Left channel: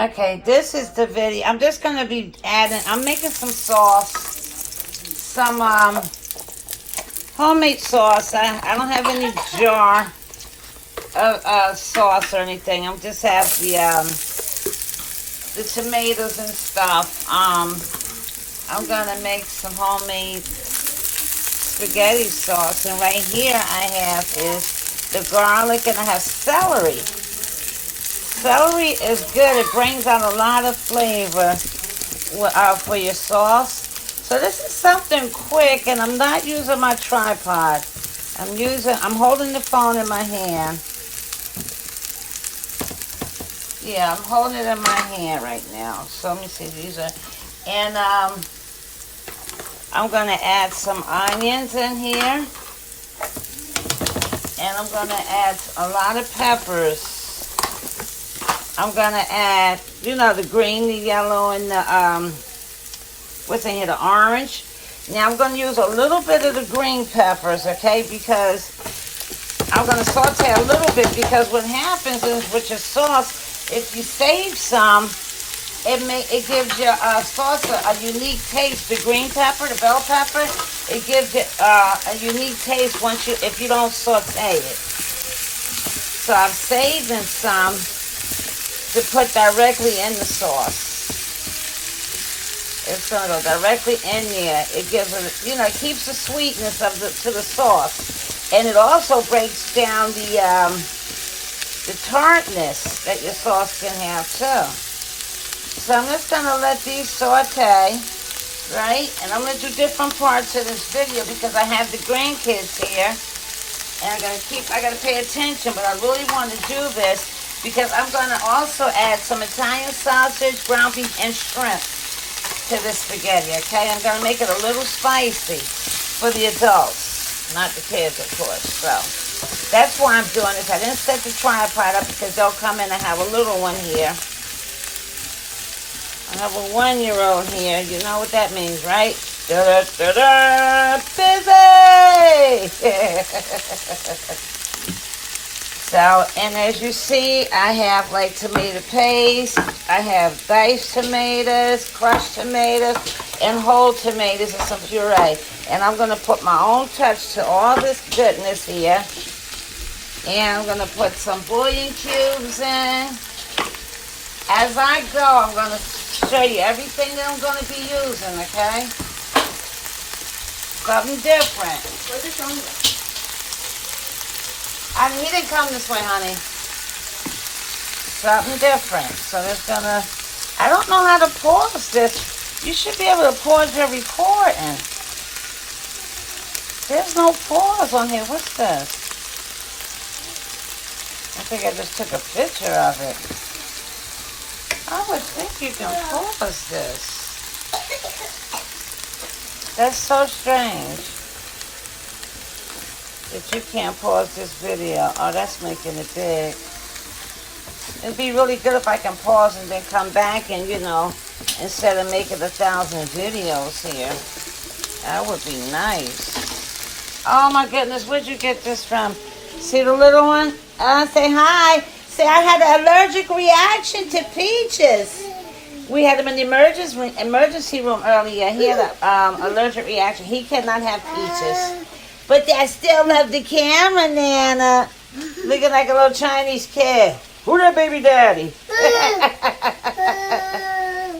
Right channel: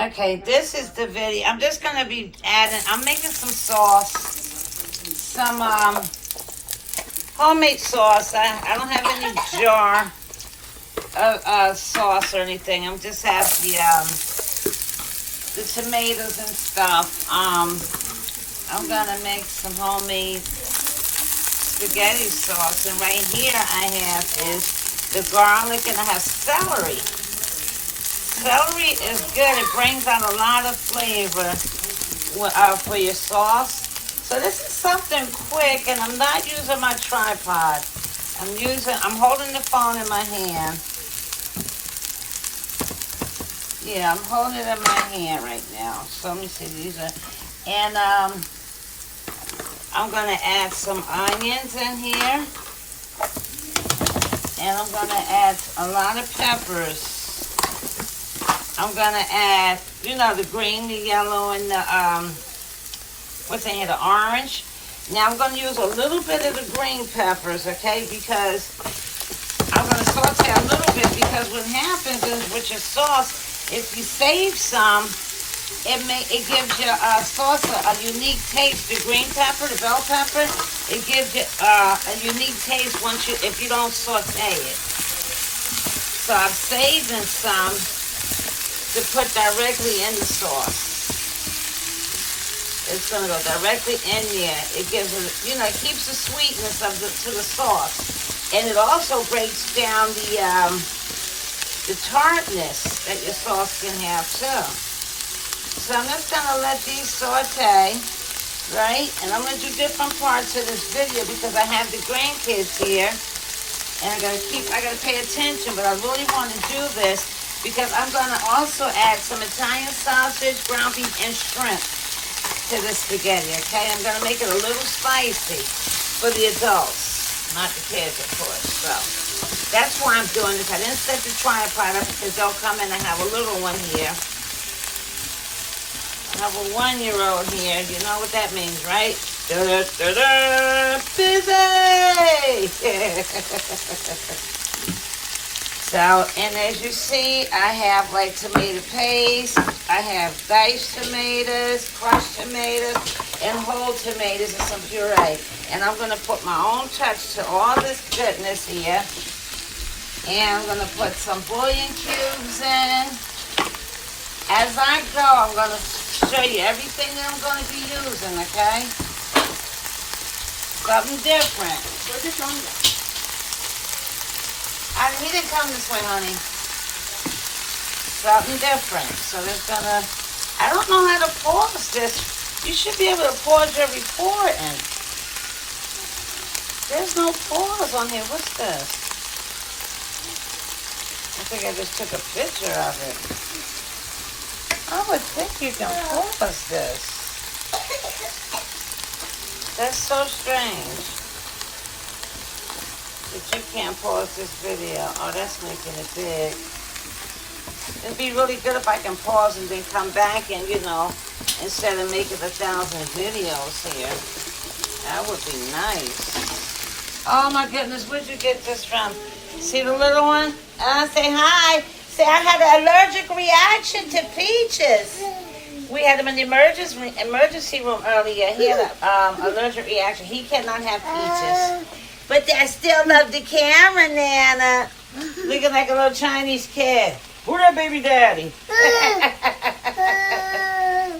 Okay, this is the video. I'm just gonna be adding. I'm making some sauce, some homemade sauce. I don't have any jar of sauce or anything. I just have the tomatoes and stuff. I'm gonna make some homemade spaghetti sauce, and right here I have is the garlic, and I have celery. Celery is good. It brings out a lot of flavor for your sauce. So this is something quick, and I'm not using my tripod. I'm holding the phone in my hand. Yeah, I'm holding it in my hand right now. So let me see, and I'm gonna add some onions in here. And I'm gonna add a lot of peppers. I'm gonna add, the green, the yellow, and the, what's in here, the orange. Now I'm gonna use a little bit of the green peppers, okay? Because I'm gonna saute a little bit, because what happens is with your sauce, if you save some, it gives your sauce a unique taste. The green pepper, the bell pepper, it gives it a unique taste if you don't saute it. So I'm saving some to put directly in the sauce. It's gonna go directly in there. It gives it, it keeps the sweetness to the sauce, and it also breaks down the tartness that your sauce can have too. So I'm just gonna let these saute, right? And I'm gonna do different parts of this video because I have the grandkids here, and I gotta pay attention. But I really want to do this because I'm gonna also add some Italian sausage, ground beef, and shrimp to this spaghetti. Okay, I'm gonna make it a little spicy for the adults, not the kids, of course. So that's why I'm doing this. I didn't set the tripod up because they'll come in and have a little one here. I have a 1-year-old here. You know what that means, right? Da-da-da-da, busy! So, and as you see, I have like tomato paste. I have diced tomatoes, crushed tomatoes, and whole tomatoes and some puree. And I'm going to put my own touch to all this goodness here. And I'm going to put some bouillon cubes in. As I go, I'm going to show you everything that I'm going to be using, okay? Something different. Where's your phone? He didn't come this way, honey. Something different. So there's gonna, I don't know how to pause this. You should be able to pause your recording. There's no pause on here. What's this? I think I just took a picture of it. I would think you can pause this. That's so strange that you can't pause this video. Oh, that's making it big. It'd be really good if I can pause and then come back and, instead of making 1,000 videos here. That would be nice. Oh my goodness, where'd you get this from? See the little one? Say hi. Say I had an allergic reaction to peaches. We had him in the emergency room earlier. He had an allergic reaction. He cannot have peaches. But I still love the camera, Nana. Looking like a little Chinese kid. Where's your baby daddy?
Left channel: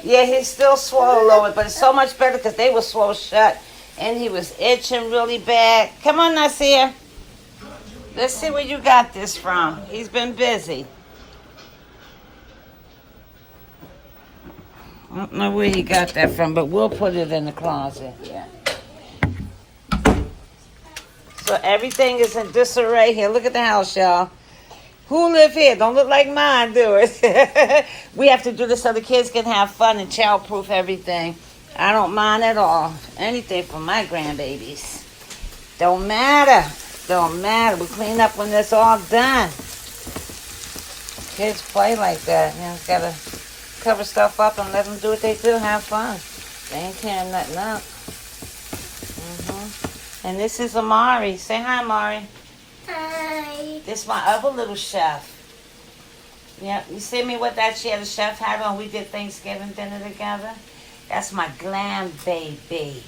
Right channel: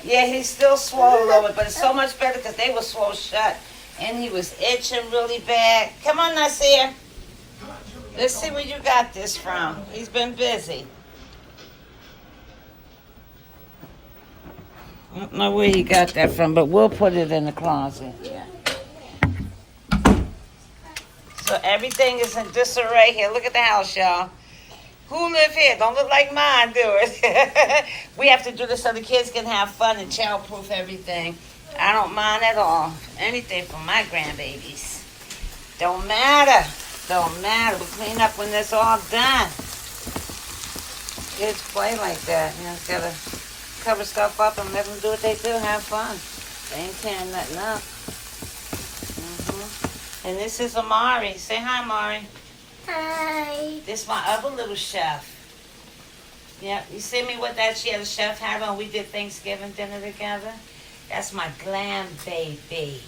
Yeah, he's still swallowing, but it's so much better because they were swallowed shut. And he was itching really bad. Come on, Nasir. Let's see where you got this from. He's been busy. I don't know where you got that from, but we'll put it in the closet. Yeah. So everything is in disarray here. Look at the house, y'all. Who live here? Don't look like mine, do it. We have to do this so the kids can have fun and child-proof everything. I don't mind at all. Anything for my grandbabies. Don't matter. Don't matter. We clean up when it's all done. Kids play like that. You just gotta cover stuff up and let them do what they do and have fun. They ain't tearing nothing up. And this is Amari. Say hi, Amari. Hi. This is my other little chef. Yeah, you see me with that? She had a chef Harry when we did Thanksgiving dinner together. That's my glam baby.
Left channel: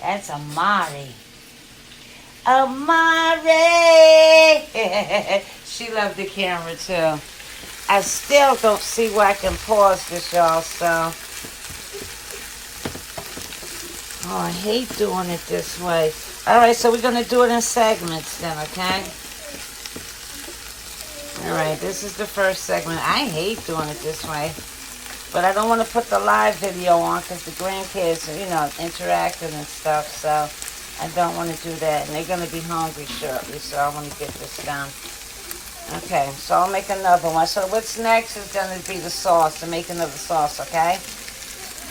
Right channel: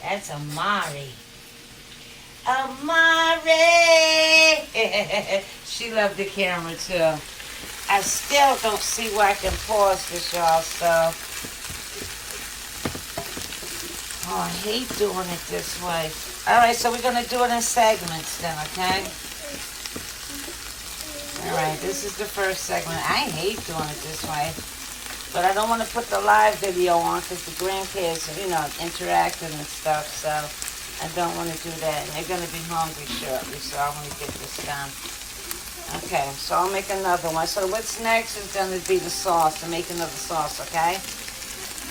That's Amari. Amari! She loved the camera too. I still don't see where I can pause this, y'all, so. Oh, I hate doing it this way. Alright, so we're going to do it in segments then, okay? Alright, this is the first segment. I hate doing it this way. But I don't want to put the live video on because the grandkids are, you know, interacting and stuff, so I don't want to do that. And they're going to be hungry shortly, so I want to get this done. Okay, so I'll make another one. So what's next is going to be the sauce, to make another sauce, okay?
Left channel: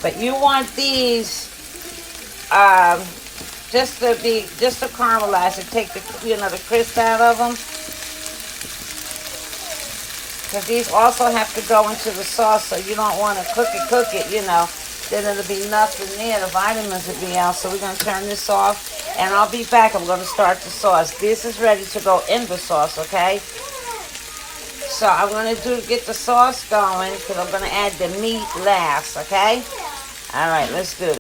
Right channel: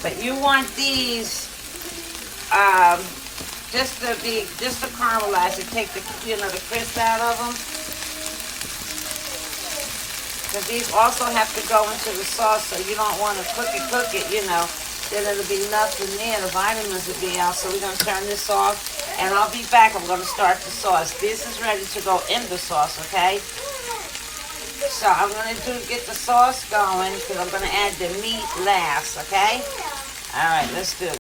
But you want these just to caramelize and take the, you know, the crisp out of them. Because these also have to go into the sauce, so you don't want to cook it, you know. Then it'll be nothing there. The vitamins will be out. So we're going to turn this off, and I'll be back. I'm going to start the sauce. This is ready to go in the sauce, okay? So I'm going to get the sauce going because I'm going to add the meat last, okay? All right, let's do it.